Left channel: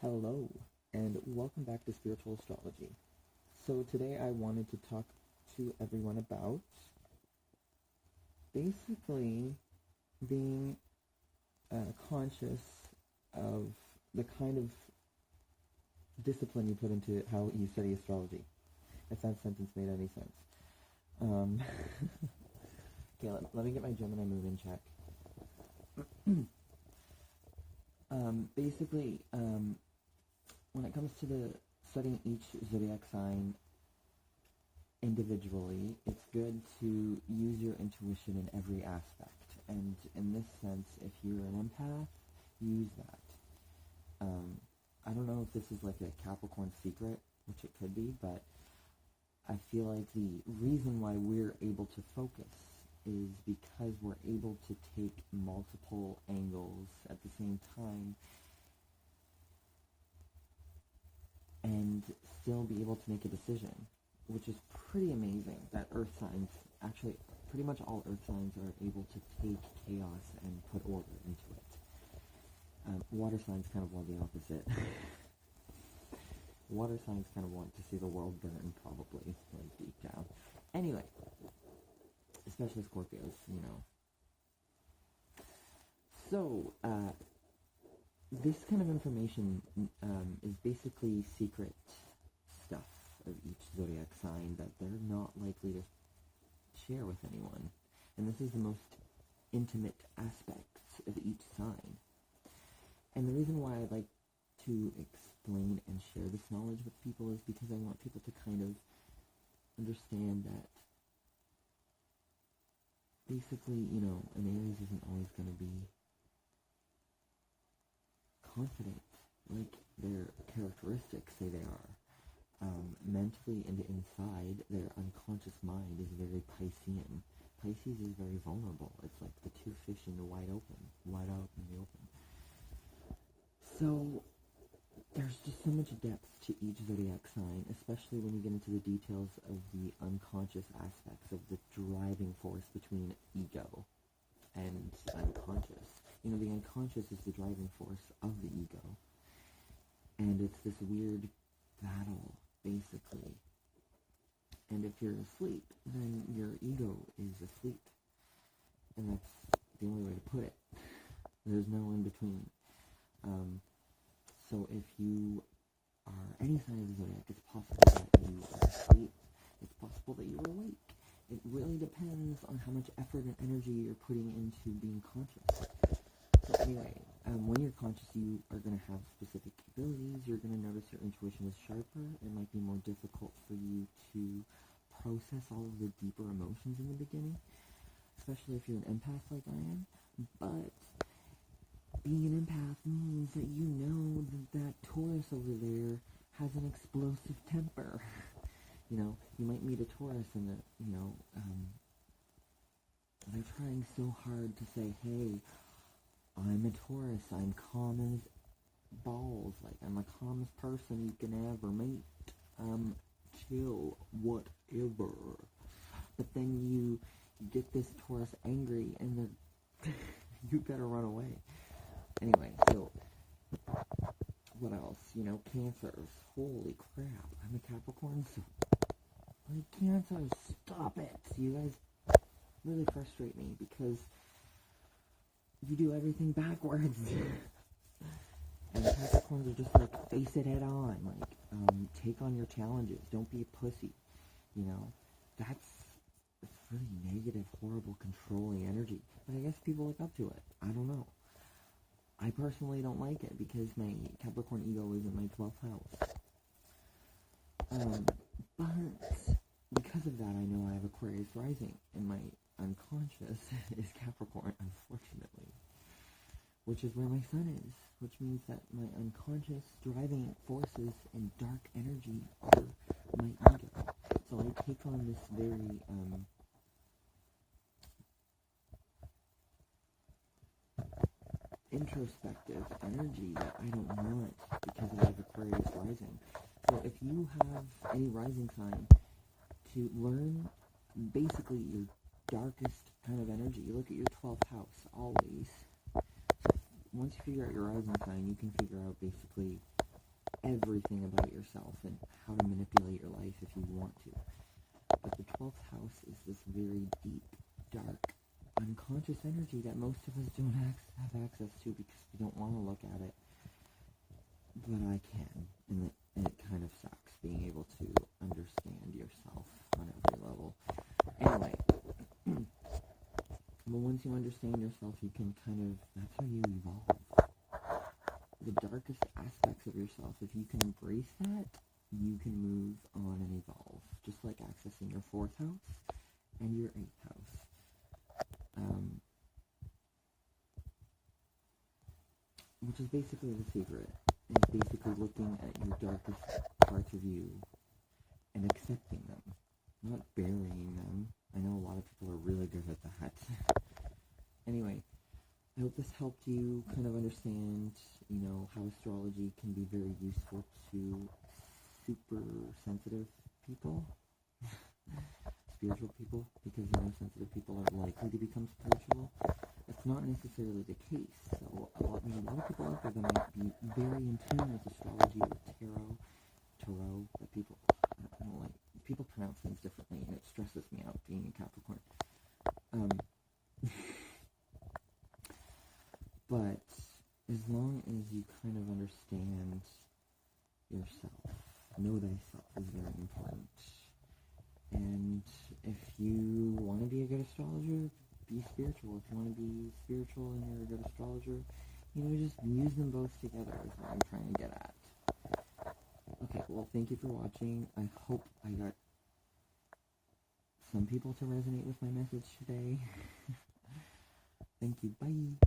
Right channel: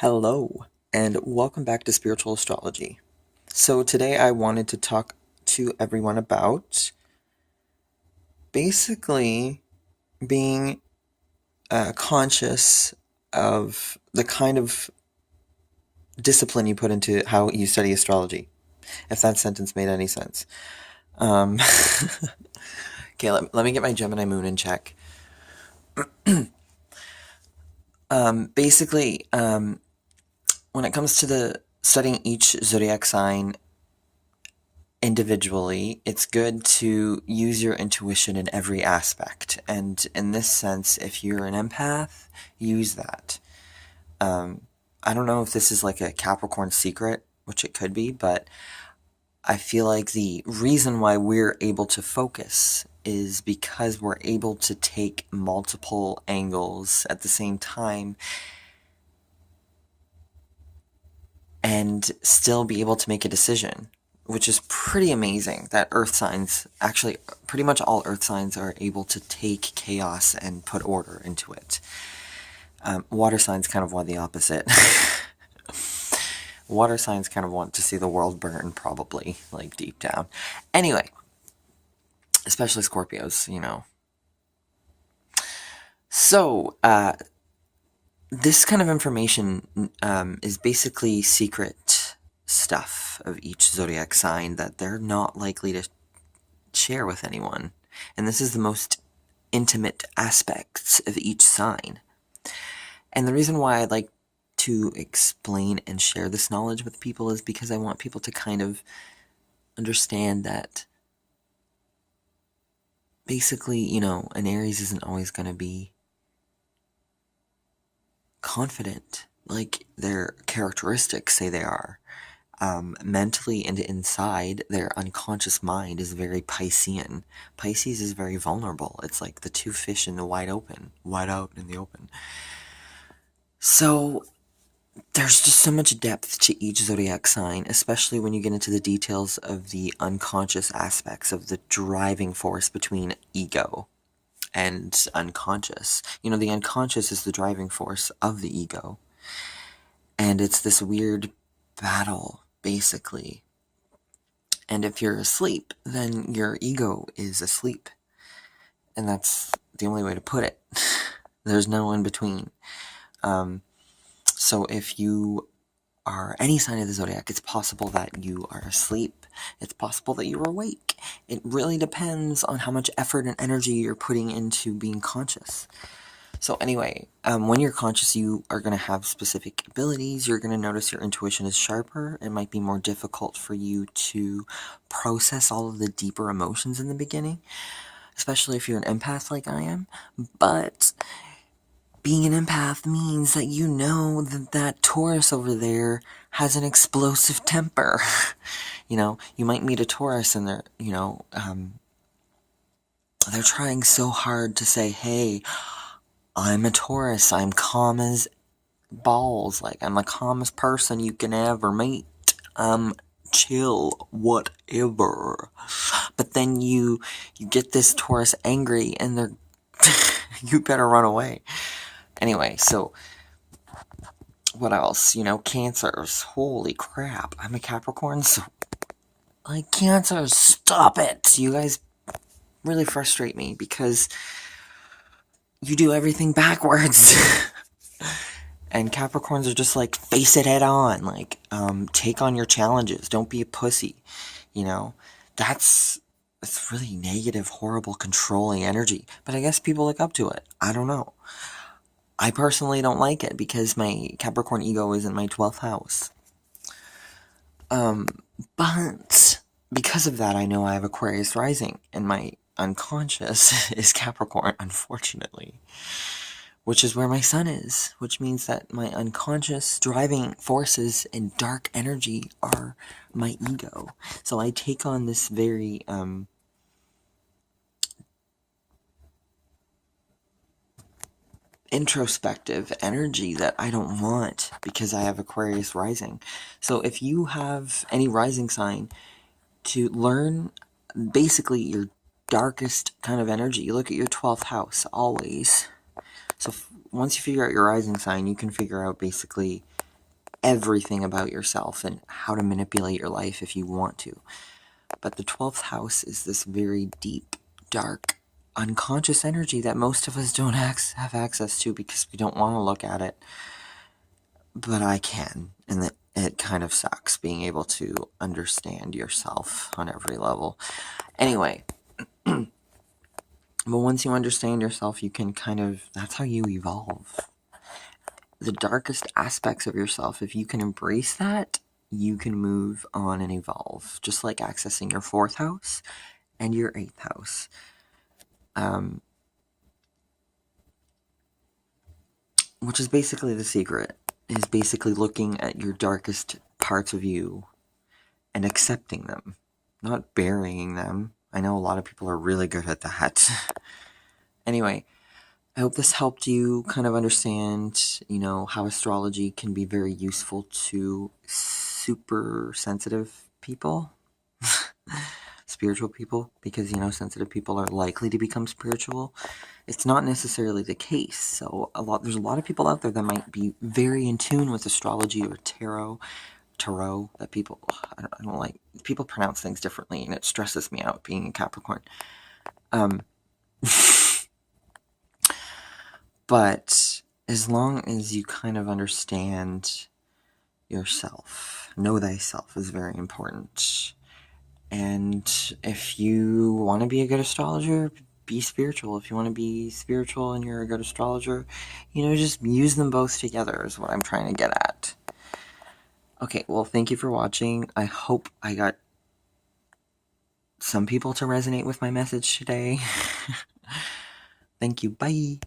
Hello, and welcome back to Spiritual Astrology. So, today I wanted to talk to everyone about basically being conscious of the kind of discipline you put into how you study astrology, if that sentence made any sense. Um, okay, let me get my Gemini moon in check. Basically, when it comes to the studying each zodiac sign individually, it's good to use your intuition in every aspect. And in this sense, if you're an empath, use that. I don't know if this is like a Capricorn secret, which it could be, but I feel like the reason why we're able to focus is because we're able to take multiple angles at the same time and still be able to make a decision, which is pretty amazing that earth signs, actually pretty much all earth signs, are able to take chaos and put order into it. Water signs kind of want the opposite. Water signs kind of want to see the world burn, probably, like deep down. Anyway, especially Scorpios, you know. So, this kind of information is basically secret stuff of each zodiac sign that they're not likely to share with anyone. And this is the most intimate aspects of each sign. And the reason why I'd like to explain and share this knowledge with people is because I want people to kind of understand that basically, you know, an Aries isn't always going to be confident like their characteristics say they are. Mentally and inside, their unconscious mind is very Piscean. Pisces is very vulnerable. It's like the two fish in the wide out in the open. So there's just so much depth to each zodiac sign, especially when you get into the details of the unconscious aspects of the driving force between ego and unconscious. You know, the unconscious is the driving force of the ego. And it's this weird battle, basically. And if you're asleep, then your ego is asleep. And that's the only way to put it. There's no in between. So if you are any sign of the zodiac, it's possible that you are asleep. It's possible that you're awake. It really depends on how much effort and energy you're putting into being conscious. So anyway, when you're conscious, you are going to have specific abilities. You're going to notice your intuition is sharper. It might be more difficult for you to process all of the deeper emotions in the beginning, especially if you're an empath like I am. But being an empath means that you know that Taurus over there has an explosive temper. You know, you might meet a Taurus and they're, you know, they're trying so hard to say, hey, I'm a Taurus, I'm calm as balls, like, I'm the calmest person you can ever meet, chill, whatever. But then you get this Taurus angry and they're, you better run away. Anyway, so, what else? You know, Cancers, holy crap, I'm a Capricorn, so, like, Cancers, stop it! You guys really frustrate me, because you do everything backwards. And Capricorns are just like, face it head on, like, take on your challenges, don't be a pussy, you know? It's really negative, horrible, controlling energy, but I guess people look up to it. I don't know. I personally don't like it because my Capricorn ego is in my 12th house. But because of that, I know I have Aquarius rising, and my unconscious is Capricorn, unfortunately. Which is where my sun is, which means that my unconscious driving forces and dark energy are my ego. So I take on this very, introspective energy that I don't want because I have Aquarius rising. So if you have any rising sign, to learn basically your darkest kind of energy, you look at your 12th house always. So once you figure out your rising sign, you can figure out basically everything about yourself and how to manipulate your life if you want to. But the 12th house is this very deep, dark, unconscious energy that most of us don't have access to because we don't want to look at it. But I can, and it kind of sucks being able to understand yourself on every level. Anyway, but once you understand yourself, you can that's how you evolve. The darkest aspects of yourself, if you can embrace that, you can move on and evolve, just like accessing your 4th house and your 8th house. Which is basically the secret, is basically looking at your darkest parts of you and accepting them, not burying them. I know a lot of people are really good at that. Anyway, I hope this helped you kind of understand, how astrology can be very useful to super sensitive people, spiritual people, because, sensitive people are likely to become spiritual. It's not necessarily the case. So there's a lot of people out there that might be very in tune with astrology or tarot, that people, I don't like, people pronounce things differently, and it stresses me out being a Capricorn. But as long as you kind of understand yourself, know thyself is very important. And if you want to be a good astrologer, be spiritual. If you want to be spiritual and you're a good astrologer, just use them both together is what I'm trying to get at. Okay, well, thank you for watching. I hope I got some people to resonate with my message today. Thank you. Bye.